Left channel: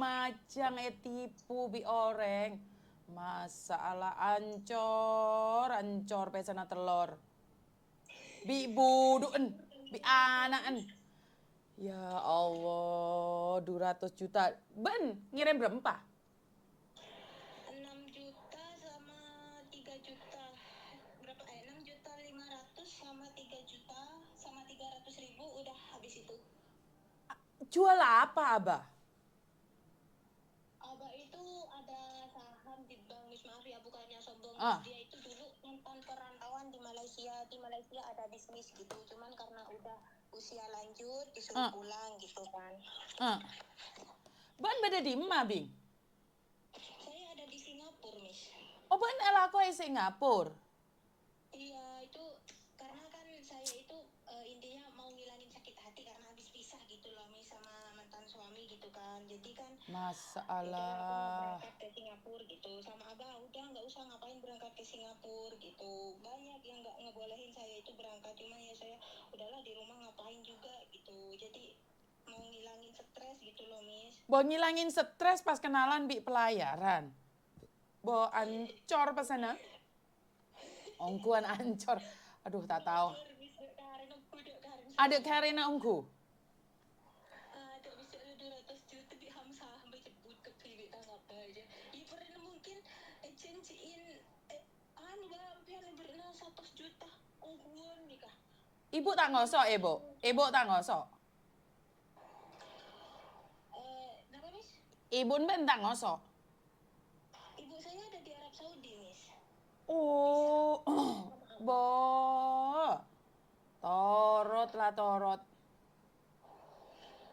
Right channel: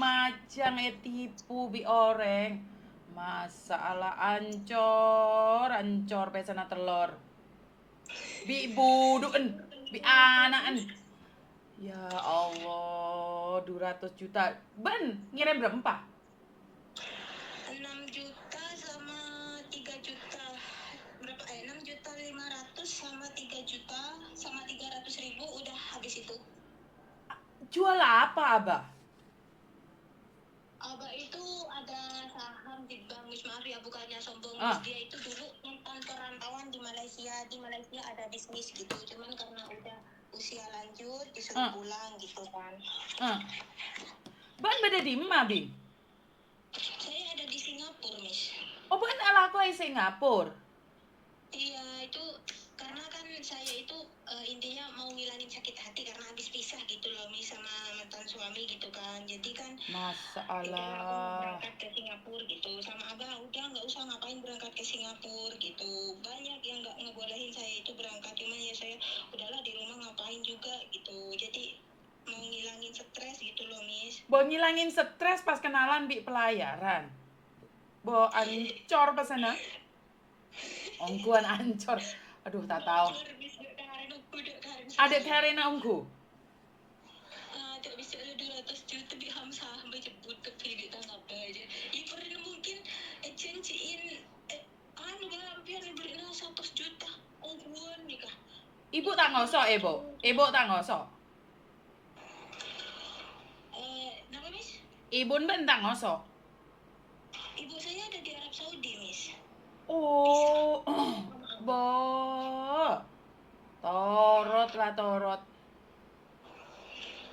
macam tipu bi orang. Masalah ancor pesana telur. Bi buduan, bi anakan. Ya Allah, 200 juta. Ben, ngirim berapa? 6 juta sama 3 juta. Berapa? 6 juta 500 sama 3 juta sama 300.000 udah habis itu. Jual apa, Abah? Abah itu ada saham di bank, Miss. Maaf ya, bukannya sombong, Ah. Miss. Dia itu dulu mantan perantauan di Malaysia. Di Malaysia ada bisnis gitu. Cuman karena udah usia lanjut, disuruh pulang gitu kan. Ban beda di mana, Bi? Saya ada di Singapura, Miss. Oh, ban ala aku di Singapura. Iya, itu karena kan saya itu intinya mau ngilangin sakit hati karena habis pisah gitu loh, Miss, sama mantan suami gitu kan. Jadi kan rencana aku mau Masalah. berangkat ke Singapura gitu. Sama Abah, udah nggak usah ngapain berangkat ke Singapura gitu. Banyak yang nggak ngebolehin saya itu berangkat. Cuman ya saya udahlah di rumah ngapain juga gitu. Jadi mau ngilangin stres gitu loh, Miss. Bo ngilangin stres pas kenalan Bi pelayaran. Bo ancor pesana. Ongkuan ancor. Aduh, tak tahu. Ada Karina ongku. Tak bisa ada 200 juta di hamsa sampai jebut ke pilih tanah apa aja. Ya pernah mungkin janjiin biar beri 100 juta ongkuan nikah. Ibu tak ngosok, Ibu. Ibu tak ngosok. Kenapa, Miss? Ibu ben tak ngosok. Ibu saya ada di Arab Saudi, Miss. Oh, bo. Torot lah torot.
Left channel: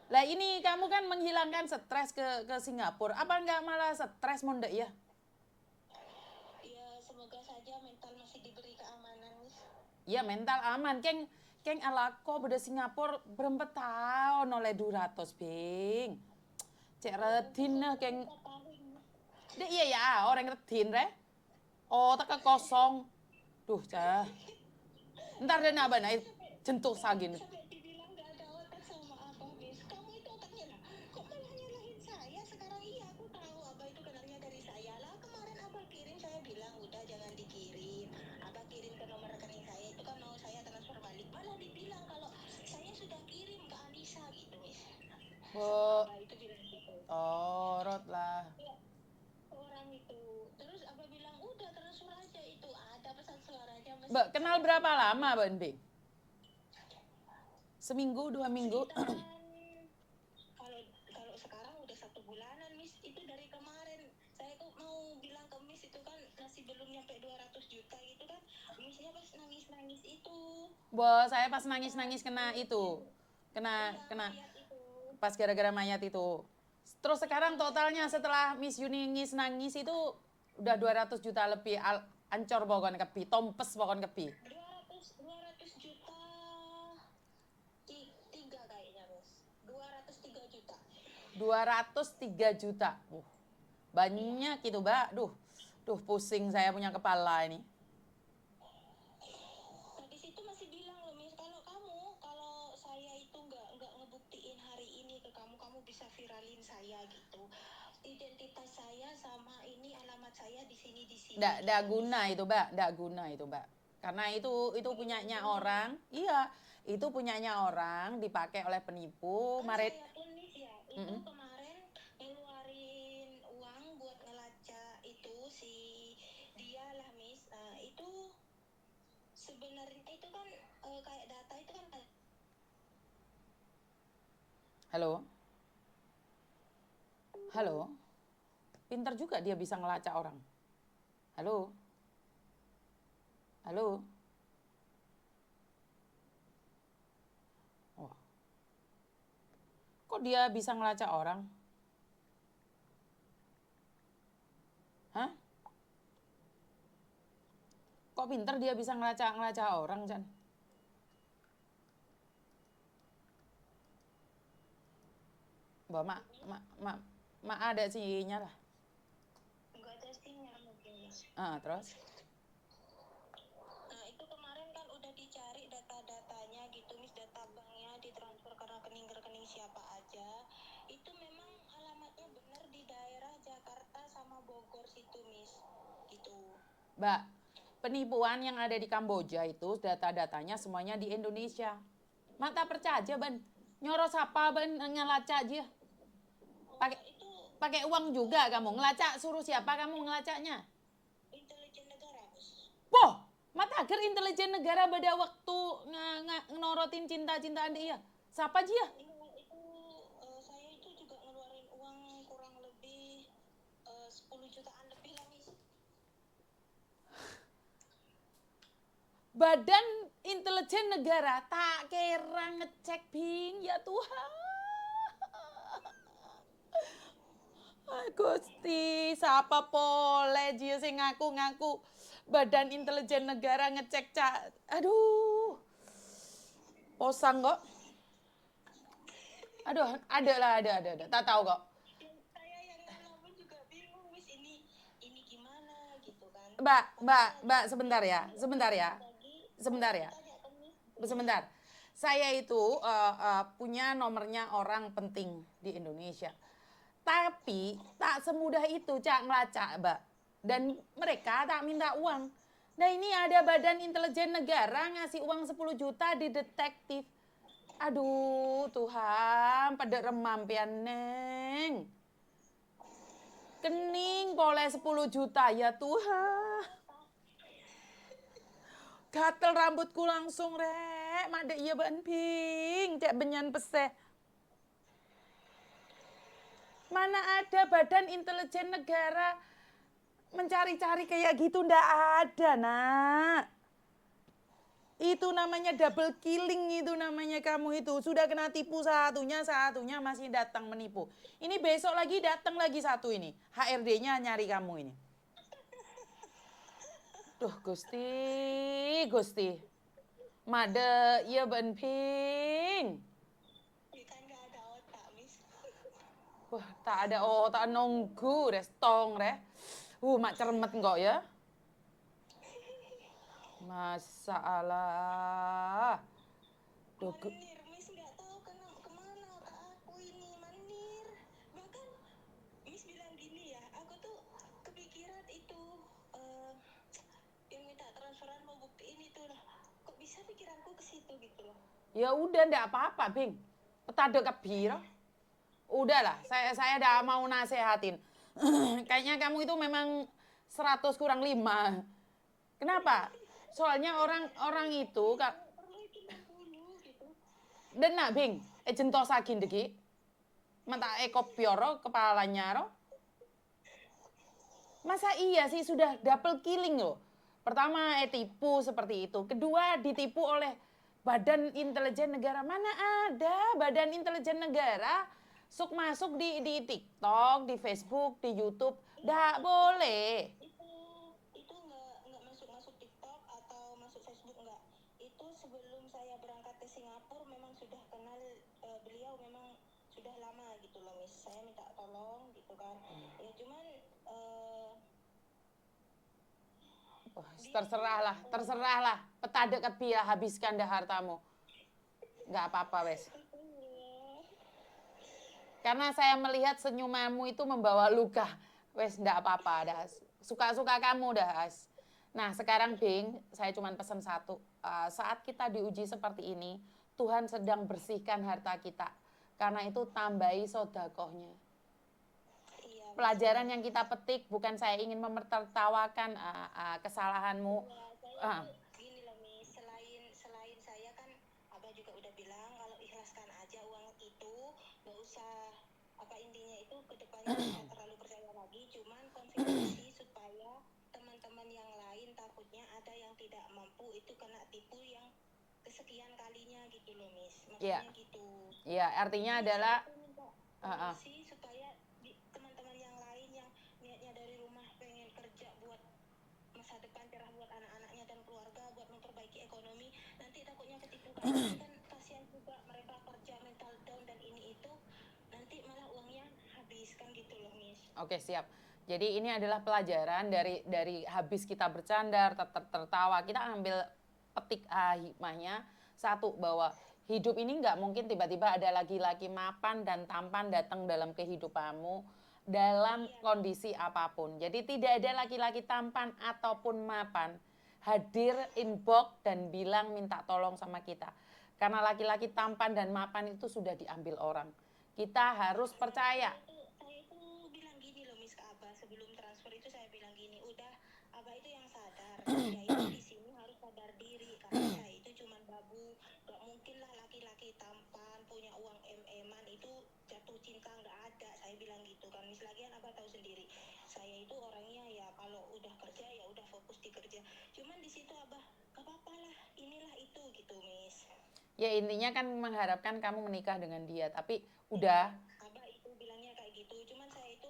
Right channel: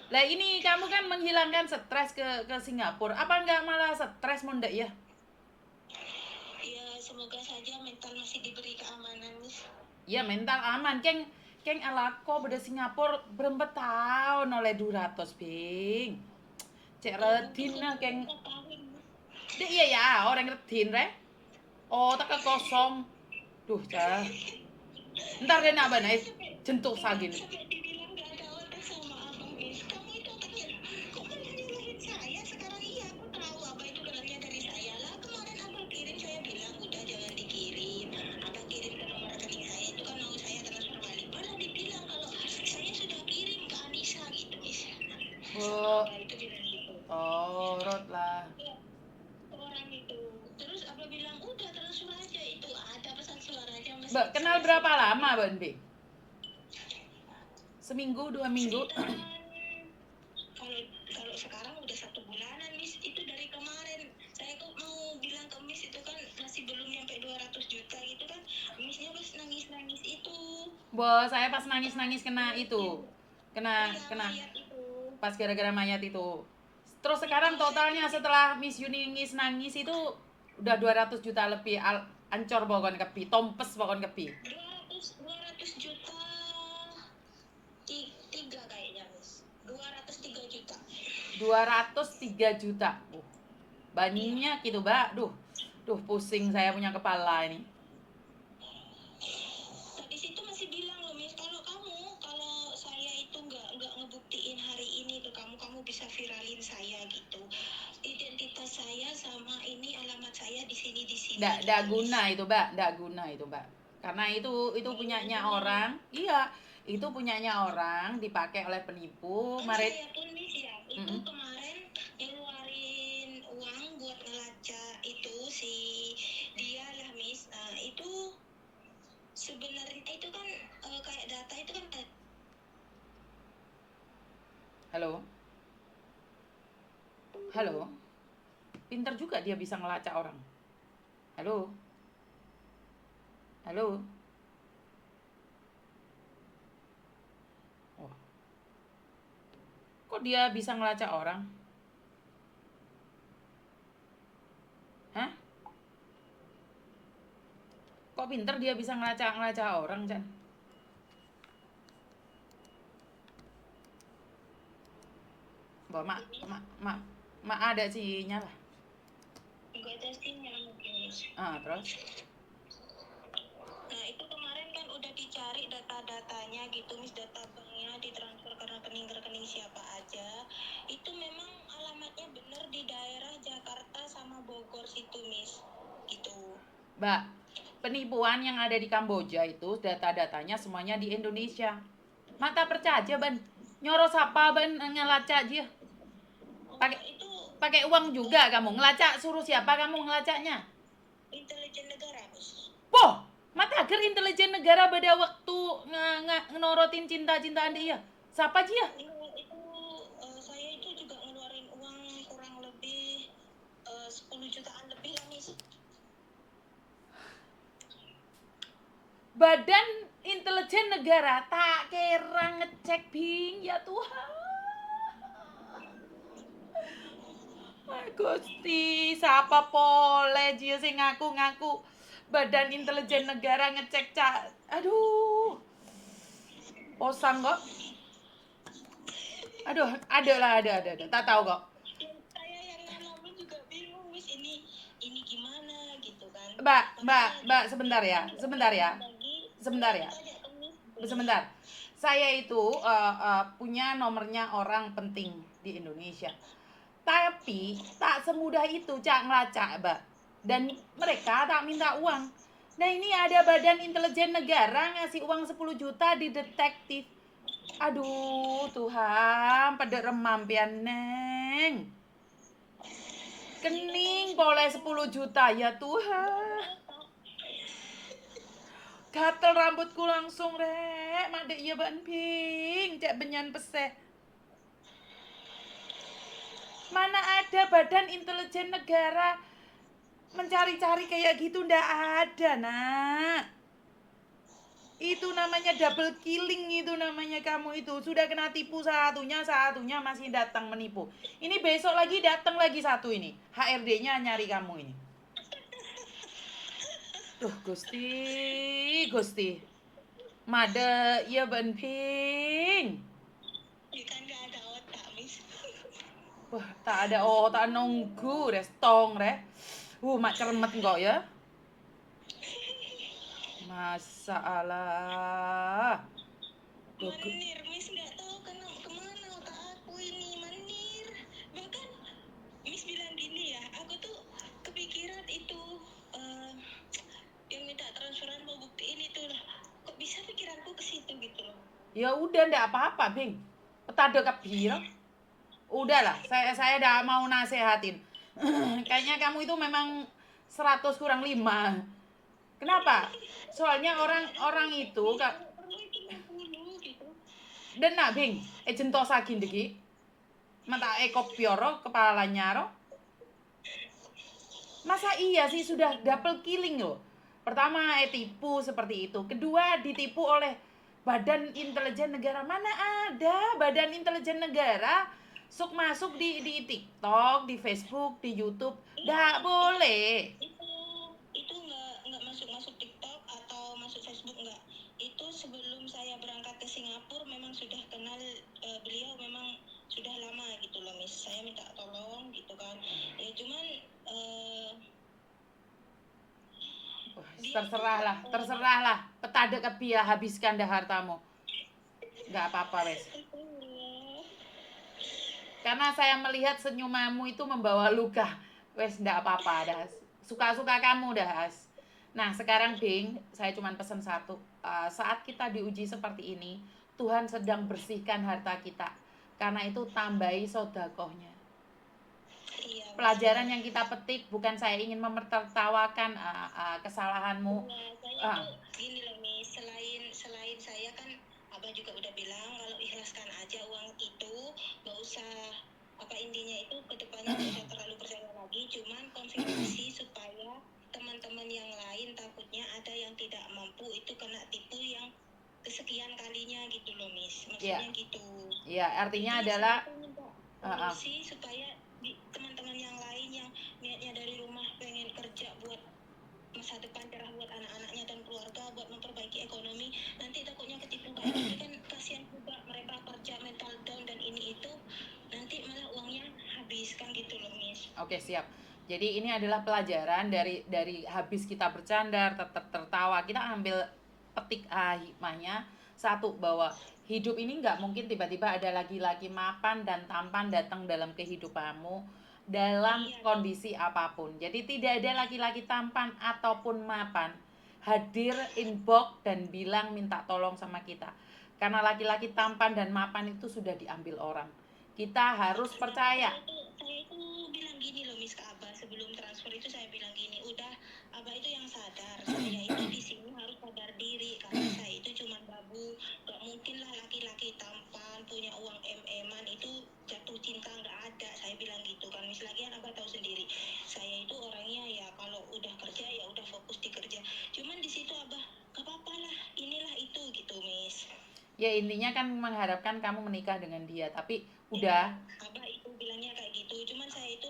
Lah ini kamu kan menghilangkan stres ke Singapura. Apa enggak malah stres mundek ya? Ya semoga saja mental masih diberi keamanan, Miss. Ya mental aman. Keng alako pada Singapura berapa tahun oleh 200 bing. Cek redin keng. Dek iya ya orang redin re. Oh tak kosong. Duh cah. Ntar dia nabah naik jentuk sagin. Sampai dibilang gak ada otak sama abang, Miss. Kamu itu otaknya lah. Kok malah nyalahin saya? Sekarang iya aku tahu abang itu kenalnya dari saya lah. Kemarin abang kirim saya bilang udah jangan dikirim. Abang kirim ke nomor rekening saya itu kan mau saya transfer balik. Malah dibilang kalau saya sudah kirim ke Anissa gitu, Miss. Oh, Abang itu bilang gitu. torot lah. Orang itu. Terus abang bilang udah transfer aja itu. Ada pesan suaranya. Mbak kenal berapa lama Ban Bi? Seminggu, 2 minggu? Kalau sekarang udah 1 bulanan, Miss. Itu dari kemarin saya kok mau bilang ke Miss itu kan masih belum nyampe 200 juta gitu kan. Missnya pas nangis-nangis itu. Bos, saya pas nangis-nangis kena itu. Kena Mayat itu. pas gara-gara mayat itu. Terus sekarang totalnya setelah Miss Yuni nangis itu udah 200 juta lebih. Ancor pokon kepi, tompes pokon kepi. 200 juta 3 kayaknya, Miss. 203 juta. 203 juta. Banyak gitu, Mbak. Duh pusing saya punya kepala ini. Nah, di situ masih bilang loh, Miss, kalau saya itu nggak ngebuktiin hari ini ke kamu bisa viralin saya gitu. Identitas saya sama ini alamat saya di sini. Nggak guna itu, Mbak. Nggak guna itu, Mbak. Karena itu punyanya orang. Iya, itu punyanya orang dipakai oleh penipu. Saya pun, Miss, ya, itu kemarin ngeluarin uang buat ngelacak itu si dia lah, Miss. Itu sebenarnya itu kan kayak data itu kan. Halo. Pinter juga dia bisa ngelacak orang. Halo. Oh. Kok dia bisa ngelacak orang? Hah? Kok pinter dia bisa ngelacak orang, Chan? Wah, mak ada sinyal lah. Enggak ada sinyal mungkin. Terus? Nah, itu kemarin kan udah dicari data-datanya gitu, Miss, data banknya ditransfer ke rekening siapa aja. Itu memang alamatnya bener, situ, Miss. Gitu. Mbak, penipuan yang ada di Kamboja itu data-datanya semuanya di Indonesia. Mak tak percaya ban. Nyoro siapa ban ngelacak dia? Pakai Itu pakai uang juga kamu ngelacak, suruh siapa kamu ngelacaknya? intelijen negara, Miss. Poh, mata agar intelijen negara pada waktu ngenorotin cinta-cintaan dia. Siapa dia? Itu saya itu juga ngeluarin uang kurang lebih 10 jutaan lebih lah, Miss. Badan intelijen negara tak kira ngecek bing ya Tuhan. Gusti, siapa pole dia sih ngaku-ngaku Badan Intelijen Negara ngecek cak. Aduh. Posang kok. Aduh, ada. Tak tahu kok. Saya yang ngalamin juga bingung, Miss. Ini gimana gitu kan. Mbak, sebentar ya. Sebentar. Saya itu punya nomornya orang penting di Indonesia. Tapi tak semudah itu cak ngelacak, Mbak. Dan mereka tak minta uang. Nah ini ada Badan Intelijen Negara ngasih uang 10 juta di detektif. Aduh Tuhan, pada remam pian neng. Kening boleh 10 juta ya Tuhan. Gatel rambutku langsung rek, made iya ban ping, cek benyan peseh. Mana ada Badan Intelijen Negara mencari-cari kayak gitu, ndak ada nak. Itu namanya double killing, itu namanya kamu itu sudah kena tipu satunya masih datang menipu. Ini besok lagi datang lagi satu ini, HRD-nya nyari kamu ini. Duh Gusti. Made iya ban ping. Kan nggak ada otak, Miss. Wah, tak ada otak nunggu restong re. Mak ceremet kok ya. Masalah. Manir, Miss, nggak tahu kemana otak aku ini, manir. Bahkan Miss bilang gini ya, aku tuh kepikiran itu yang minta transferan mau buktiin itu lah. Kok bisa pikiranku ke situ gitu loh. Ya udah ndak apa-apa, Bing. Petado kebir. Udahlah, saya udah mau nasehatin. Kayaknya kamu itu memang 100 kurang 5. Kenapa? Soalnya orang itu kak Perlu itu 60 gitu. dan nak Bing, jentosakin deki. Mata kopioro kepalanya ro. Masa iya sih sudah double killing loh. Pertama tipu seperti itu. Kedua ditipu oleh Badan Intelijen Negara. Mana ada Badan Intelijen Negara masuk di TikTok, di Facebook, di YouTube. Nggak boleh. Itu nggak masuk TikTok atau masuk Facebook, nggak. Itu sebelum saya berangkat ke Singapura memang sudah kenal beliau, memang sudah lama gitu loh, Miss. Saya minta tolong gitu kan. Ya cuman terserahlah. Petade kepiah habiskan dah hartamu. Nggak apa-apa wes. Karena saya melihat senyumanmu itu membawa luka. Wes ndak apa-apa dah. Suka-suka kamu dah. Nah sekarang Bing, saya cuma pesan satu. Saat kita diuji seperti ini, Tuhan sedang bersihkan harta kita. Karena itu tambahi sodakohnya. Pelajaran yang kita petik, bukan saya ingin menertawakan kesalahanmu. Saya tuh gini loh, Miss, selain saya kan Abah juga udah bilang kalau ikhlaskan aja uang itu, nggak usah apa intinya itu kedepannya nggak usah terlalu percaya lagi, cuman konfirmasi supaya teman-teman yang lain takutnya ada yang tidak mampu itu kena tipu yang kesekian kalinya gitu loh, Miss. Maksudnya gitu. Iya, artinya Jadi adalah solusi supaya teman-teman yang lain yang niatnya dari rumah pengen kerja buat masa depan cerah buat anak-anaknya dan keluarga, buat memperbaiki ekonomi, nanti takutnya ketipu kayak gini kan kasihan juga mereka kerja mental down dan ini itu nanti malah uangnya habis kan gitu loh, Miss. Oke, siap. Jadi ini adalah pelajaran dari habis kita bercanda, tertawa, kita ambil petik hikmahnya. Satu, bahwa hidup ini nggak mungkin tiba-tiba ada laki-laki mapan dan tampan datang dalam kehidupanmu dalam Iya, kondisi apapun. Jadi tidak ada laki-laki tampan ataupun mapan hadir inbox dan bilang minta tolong sama kita. Karena laki-laki tampan dan mapan itu sudah diambil orang. Kita harus percaya. saya itu bilang gini loh Miss ke Abah sebelum transfer itu saya bilang gini, udah Abah itu yang sadar, saya itu di sini harus sadar diri karena saya itu cuma babu, gak mungkin lah laki-laki tampan punya uang MM-an itu jatuh cinta nggak ada, saya bilang gitu kan Miss. Lagian Abah tahu sendiri, saya itu orangnya ya kalau udah kerja ya udah fokus di kerja. Cuman di situ Abah, gak apa-apa lah, inilah itu gitu Miss. Ya intinya kan mengharapkan kamu menikah dengan dia, tapi udah. Abah itu bilangnya kayak gitu, cuman saya itu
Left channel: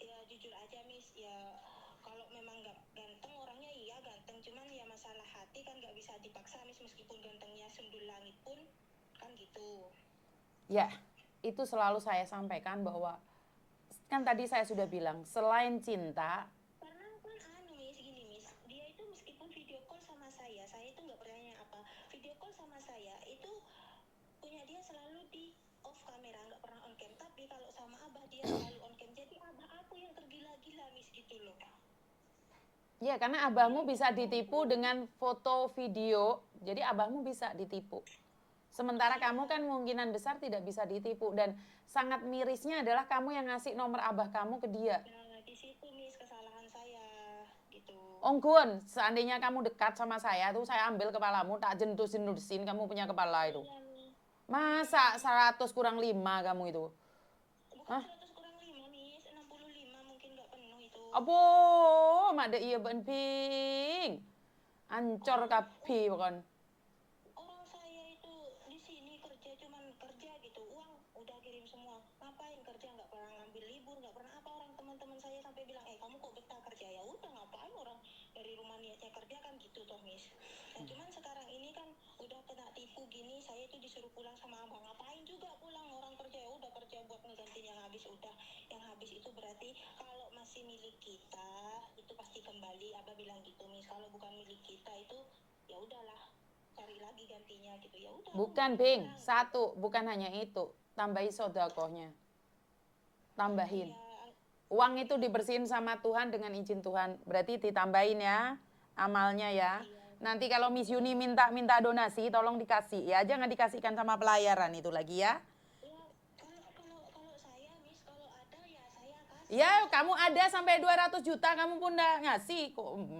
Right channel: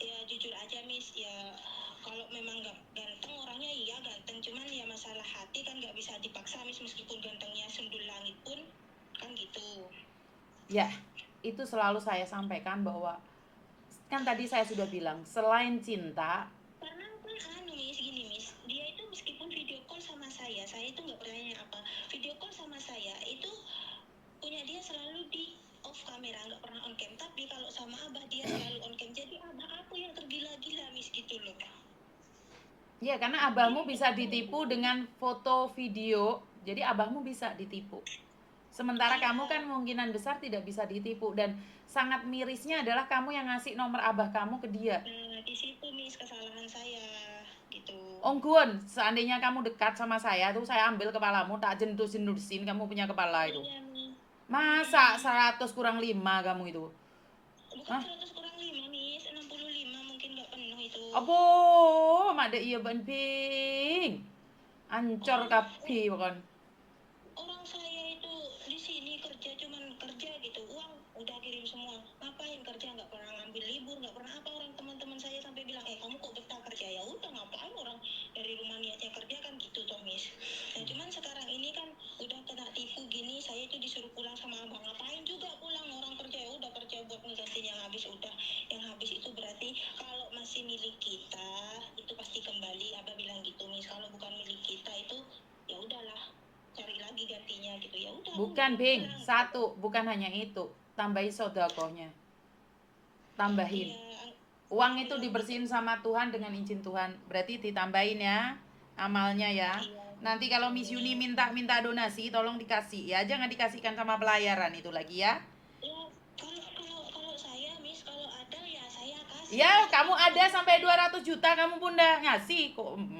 ya jujur aja Miss, ya kalau memang nggak ganteng orangnya iya ganteng, cuman ya masalah hati kan nggak bisa dipaksa Miss, meskipun gantengnya sundul langit pun kan gitu. Ya, itu selalu saya sampaikan bahwa kan tadi saya sudah bilang, selain cinta, Karena kan Miss gini Miss, dia itu meskipun video call sama saya itu nggak pernah nanya apa, video call sama saya itu punya dia selalu di off kamera, nggak pernah on cam, tapi kalau sama Abah dia selalu on cam, jadi Abah aku yang tergila-gila Miss gitu loh. ya karena abahmu bisa ditipu dengan foto video, jadi abahmu bisa ditipu. Sementara kamu kan kemungkinan besar tidak bisa ditipu, dan sangat mirisnya adalah kamu yang ngasih nomor abah kamu ke dia. Nah, di situ Miss kesalahan saya gitu. Om Gun, seandainya kamu dekat sama saya tuh saya ambil kepalamu, tak jendus-jendusin kamu punya kepala itu. Iya Miss. Masa 100 kurang 5 kamu itu? Bukan Hah? 100 kurang 5 Miss, 65 mungkin nggak penuh itu. Apa? Mak iya ben ping. Ancor Orang kabeh kan. orang saya itu di sini kerja cuman kerja gitu, uang udah kirim semua, ngapain kerja, nggak pernah ngambil libur, nggak pernah apa. Orang teman-teman saya sampai bilang, kamu kok betah kerja, ya udah ngapain orang dari rumah niatnya kerja kan gitu toh Miss. Nah cuman sekarang ini kan udah kena tipu gini, saya itu disuruh pulang sama abang, ngapain juga pulang, orang kerja ya udah kerja buat ngegantiin yang habis, udah yang habis itu berarti kalau masih milik kita itu pasti kembali, abah bilang gitu Miss. Kalau bukan milik kita itu ya udahlah, cari lagi gantinya gitu, ya udah aku nggak Bukan, mau Bing. pulang. Satu, bukan hanya itu. Tambahin sodakohnya. Tambahin. Iya, Uang itu dibersihin sama Tuhan dengan izin Tuhan. Berarti ditambahin ya amalnya ya. Nanti kalau Miss Yuni minta donasi, tolong dikasih ya. Jangan dikasihkan sama pelayaran itu lagi ya. ya kalau saya Miss, kalau ada ya saya kasih. Ya, kamu ada sampai 200 juta kamu pun udah ngasih kok.